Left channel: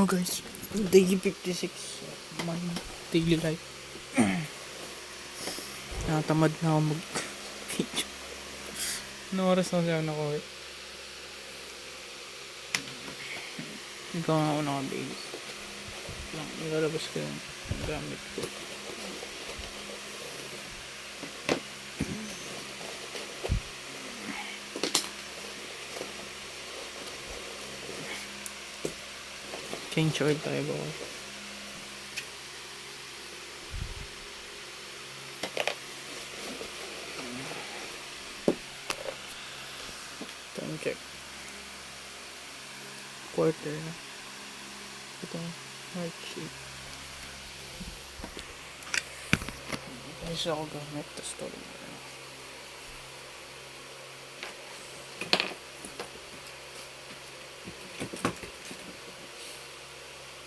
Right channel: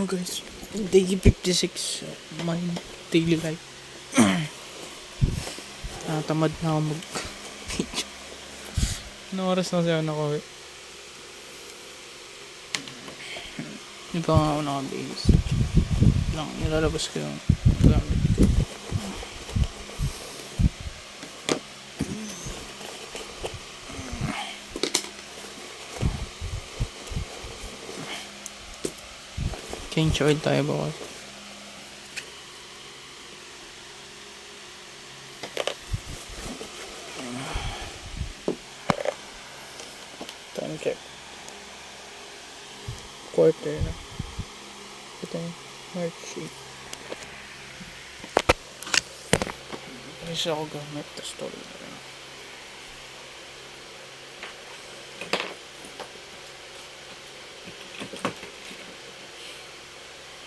So guys, day 56 my daily life. Natamad na ako mag ano oras na siya ako? Ikaw nga ako nakabihis lang, nilalabas ko yung gamit ko. Change oil tayo ba? Time check. Quarter na. Ito, March 8. Isa ako gamit, tapos tuloy na rin.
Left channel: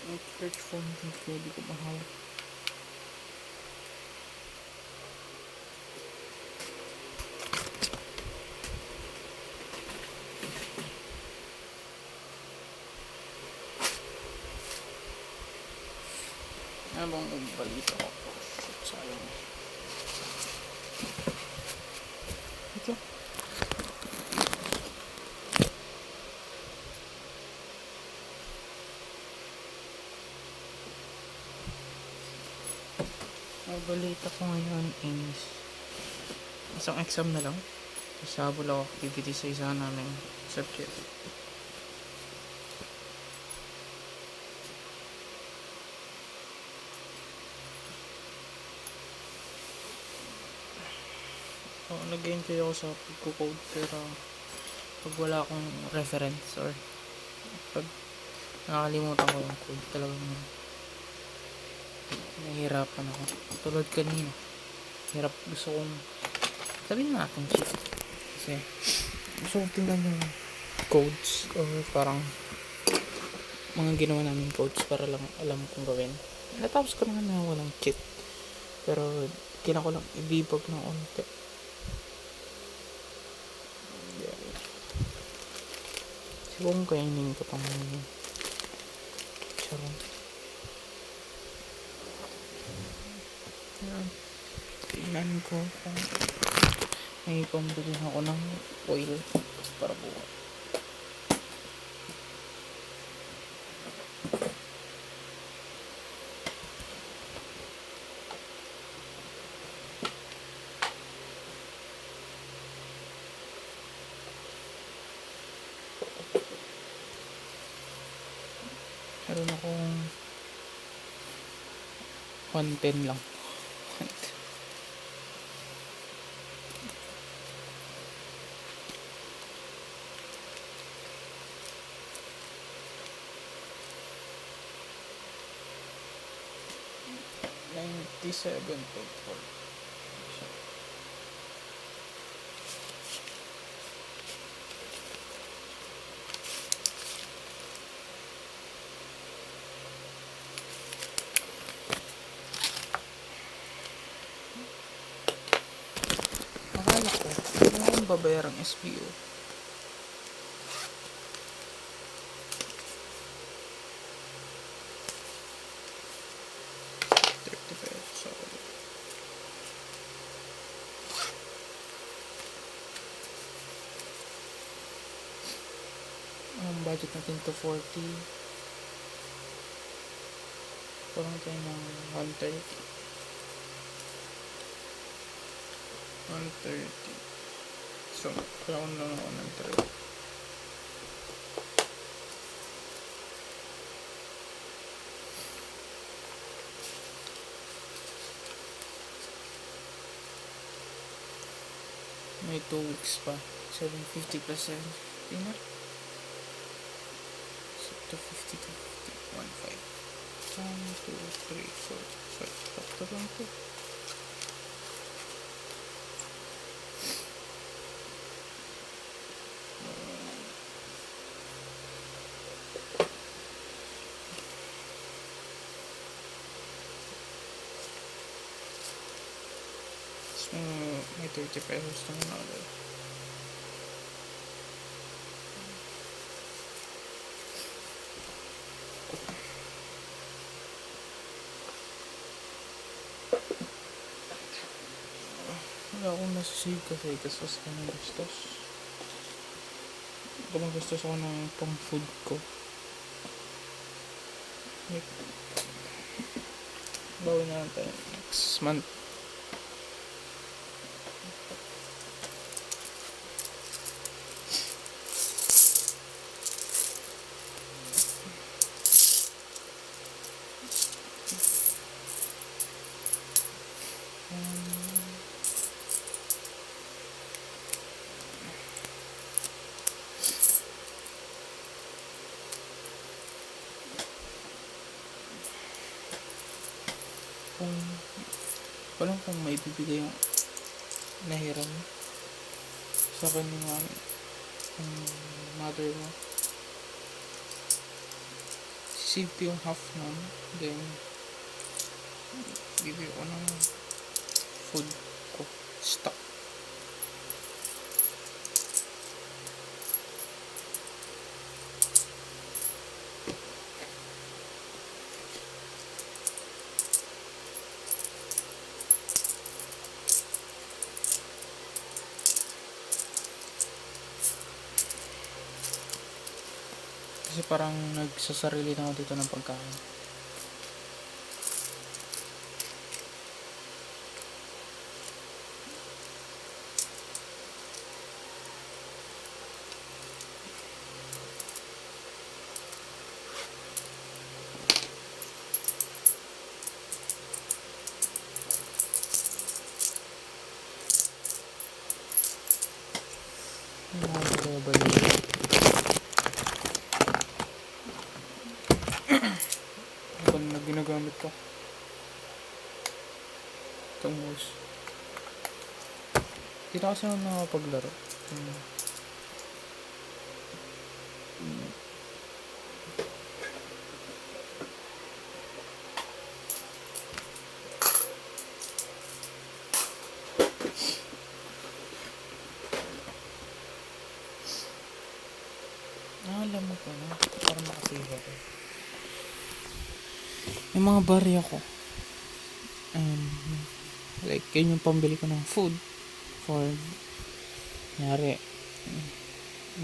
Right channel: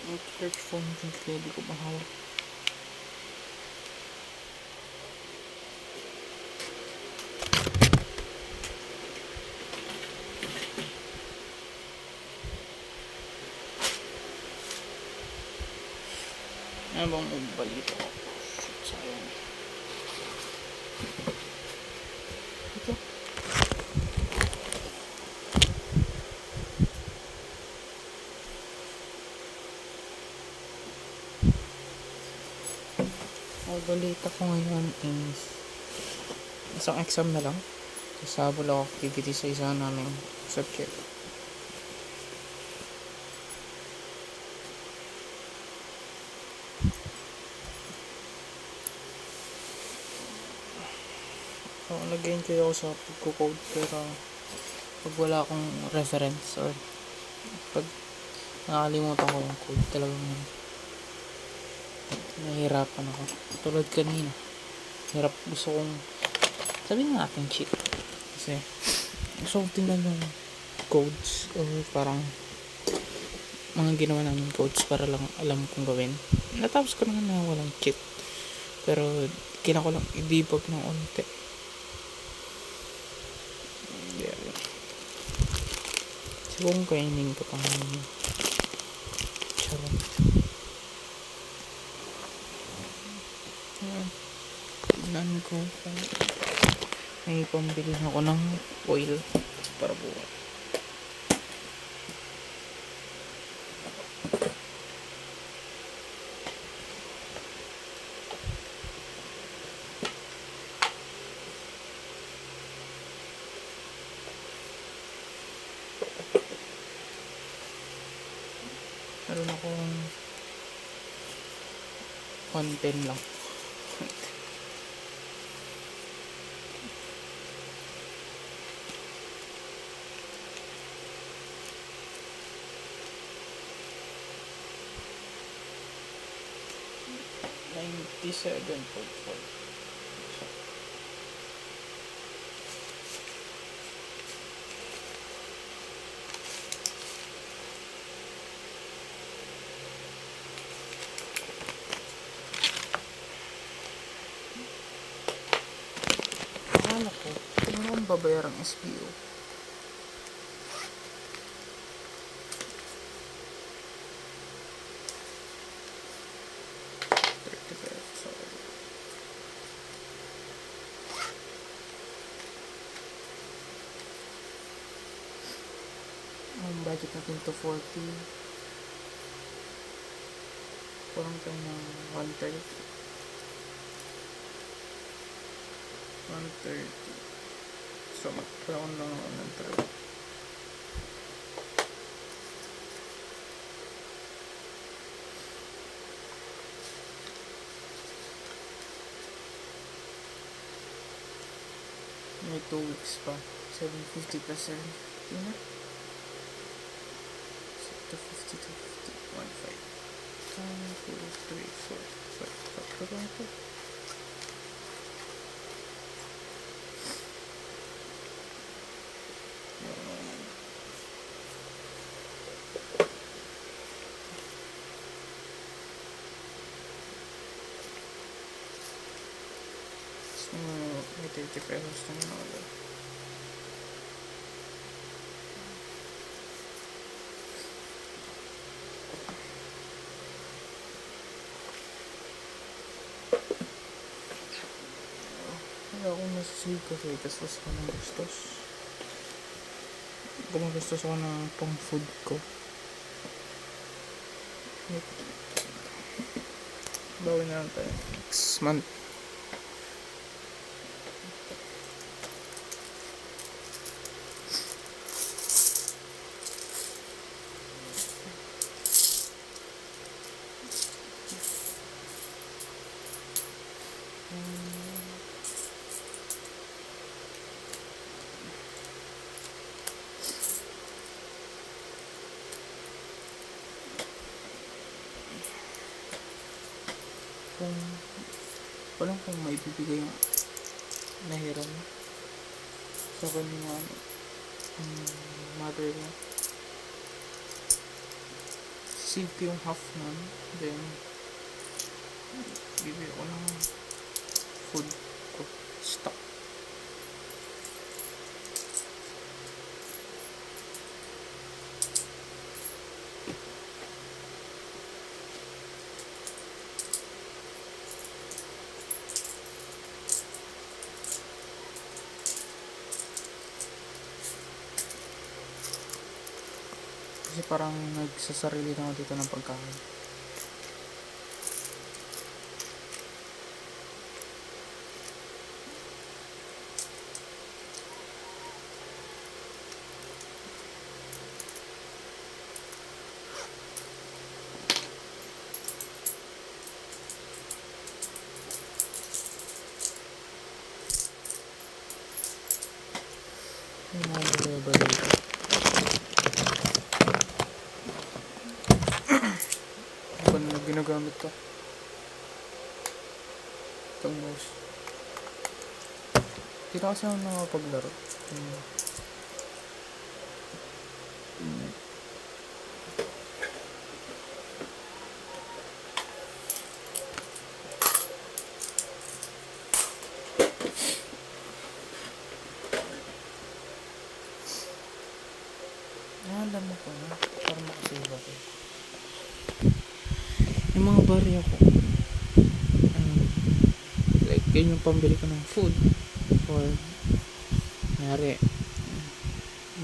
Ang church phone din kaya di ko mahawak. Ano bang nagbalita ko? Shit, sayang. Ito. Ang balita ko ngayon is isang exam na lang. Kasabol ako activity sa isa namin subject. So, nag-enjoy ako sa pagko-code pero pag wala akong reference or pag nakalimutan ko yung code talagang nahihirapan ako. Tulad kanina. Hirap, gusto kong sabihin natin shit. Kasi gusto kong tingnan yung codes o parang mga ginawa namin codes para lang alam kong gawin. Natapos ko naman na walang cheat. Pero kailangan ko lang i-debug ng onte. Siguro kainin ko pang charon. Tignan ko kung may pambili ako ng oil para buwan. Meron akong 110 lang. $97.4. Akala ko, ano akong babayarang SBO? Ang budget natin to 40. Parang tayo ng 130. 130. So, parang lang ako ng 30. May 2 weeks pa. 750 plus 750 na. 250 to 50. 1, 5. 1, 2, 3, 4, 5. Sakto lang ito. May 30 pesos lang na order. Wala akong nasasave kasi gastos ako ng gastos. Gumagastos ako ng pang food ko. Bawi na lang tayo next month. Kung walang kung may bibigay yung nahiram sa akin ng mother mo, save ko yung half nun, then bibigay ko ng food ko stock. Kasi parang nagsasarili na ako dito ng pagkain. Yung mga bali-bali. Ano na ginagamit to? Itong mouse. Hindi na kasi ako nakapaglaro. Alam mo ko na, para makasave ako. Yung mga barya ko, like yun yung pambili ko ng food for nyari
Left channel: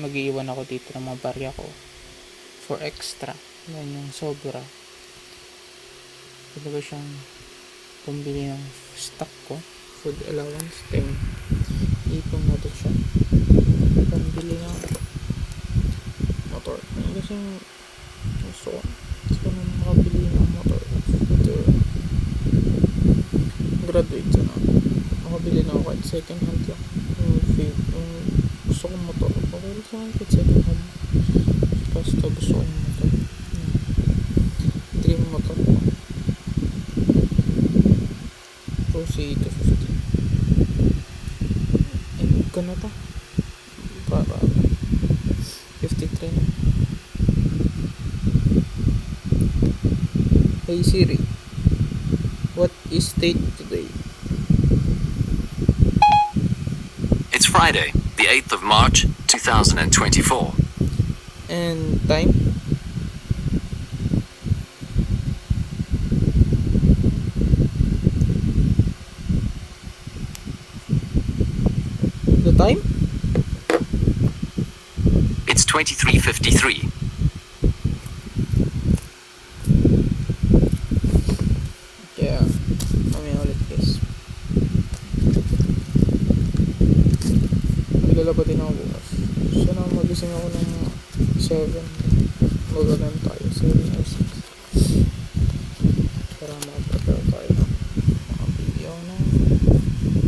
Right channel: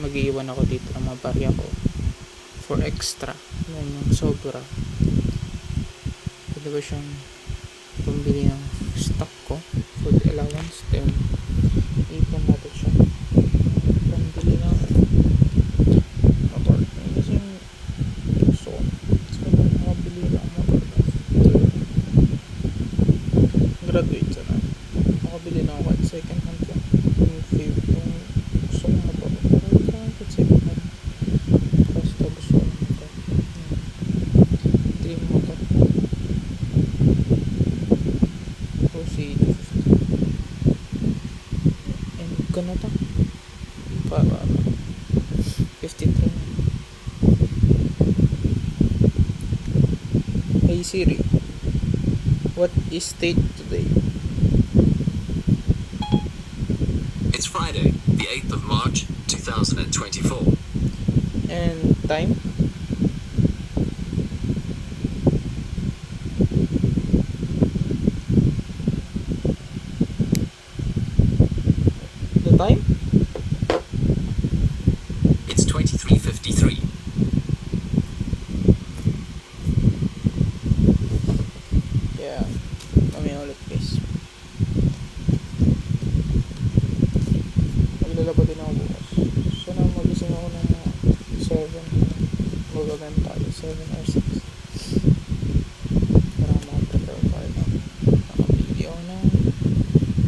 mag-iwan ako dito ng mga barya ko for extra, then yung sobra pwede ba siyang pambili ng stock ko, food allowance, then ipon natin siya pambili ng motor. Kasi gusto ko makabili ng motor after graduate na makabili na ako kahit second hand lang yung gusto kong motor, pero gusto ko kahit second hand, basta gusto ko yung motor, dream motor Rossi 250 and gana to para 53. Hey Siri, what is date today? It's Friday, the 8th of March, 2024. And time? The time? It's 23:53. Yeah, mamaya ulit guys. Maglalaba din ako bukas. Sana magising ako ng 7. Magalan tayo, 7 or 6. Para makaprepare tayo ng makabili ako ng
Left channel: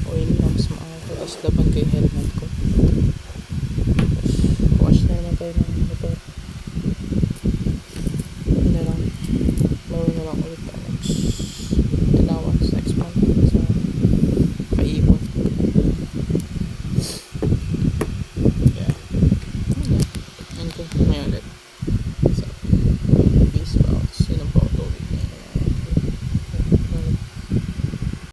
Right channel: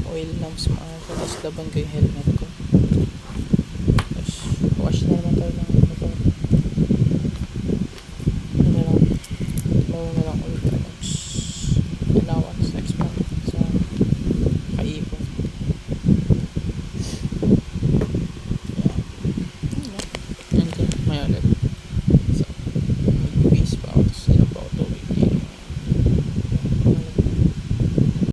oil lamps, tapos laban ko yung helmet ko.